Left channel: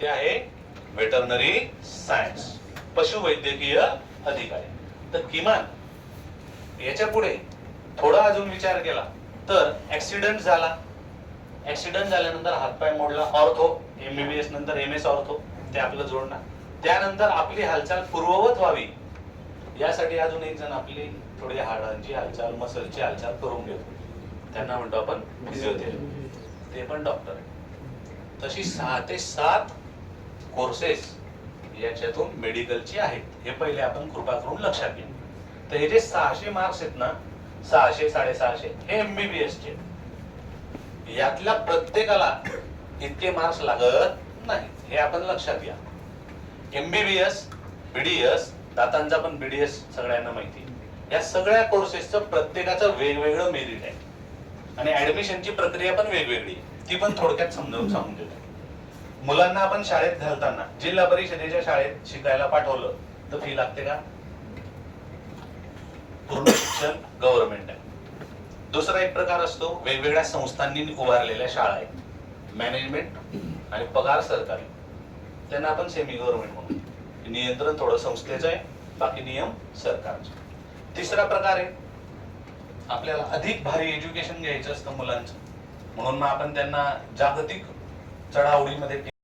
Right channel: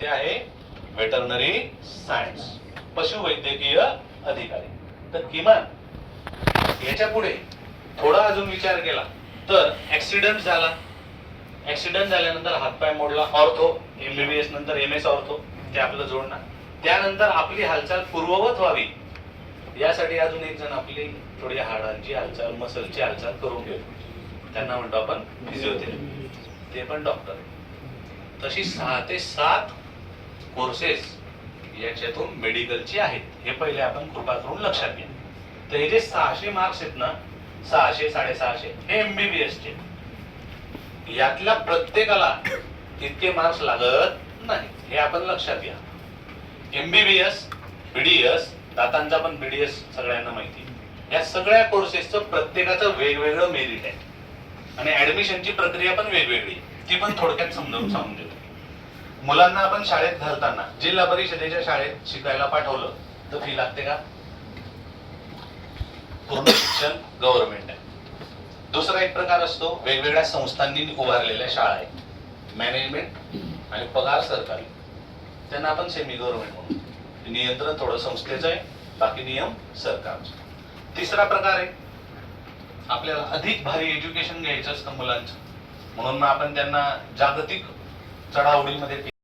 ते आहे veterinary science, पशुवैद्यकीय अधिकारी. तर किमान याच्या पुढे थोडा अजून विचार केला तर ऍक्सिडेंट झाला, ऍक्सिडेंट झाल्यानंतर हातपाय मोडला, ऑर्थो, एमबीबीएस नंतर एमएस ऑर्थो, ते आपलं जोडणार. त्यानंतर आपली हालचाल पूर्ववत व्हावी यासाठी अजून एक जण आपली थोडी हाडांची हालचाल, मसलची हालचाल करून घेतो, त्यांना म्हणतो आपण फिजिओथेरपी, ते पण डॉक्टर. तशी 6 ते 7 कोर्सेस याच्यातून मेडिकलची आहेत. हे पहिले आपण कृपा करून लक्षात घ्या. तर हे जे 600 मार्क्स आहेत ना, 600 650 हे एमबीबीएस चे. यातल्या प्रत्येकाला इतके मार्क्स लागत नाही, हे आपण लक्षात घ्या. एमबीबीएस, बीडीएस, दातांचा पण बीडीएस सगळ्यांना माहिती, या सगळ्या कोर्सेसचं प्रत्येकाचं वेगवेगळं मेरिट आहे आणि ऍडमिशनची प्रक्रिया पण वेगवेगळी, ती पण थोडक्यात समजावून सांगून देतो. मुलांना आपण शाळेत घालताना जिल्हा परिषदेच्या शाळेत शिकायला पाठवलं तर फी लागते का? पूर्ण शिक्षण गव्हर्नमेंट आहे. दुसरा एक प्रकार असतो, वेगवेगळ्या संस्थांनी उभारलेल्या शाळा आहेत, मॅनेजमेंट आणि पगार सरकारी, त्यांना आपण सेमी गव्हर्नमेंट म्हणू. नियंत्रण थोडं संस्थेचं आहे, बाकी नियम सरकारचे. तिसरा प्रकार आहे, आपल्याला अधिक भारी एज्युकेशन घ्यायचं असतं मुलांचं, म्हणून मग आपण त्यांना जागतिक चढाओढीमध्ये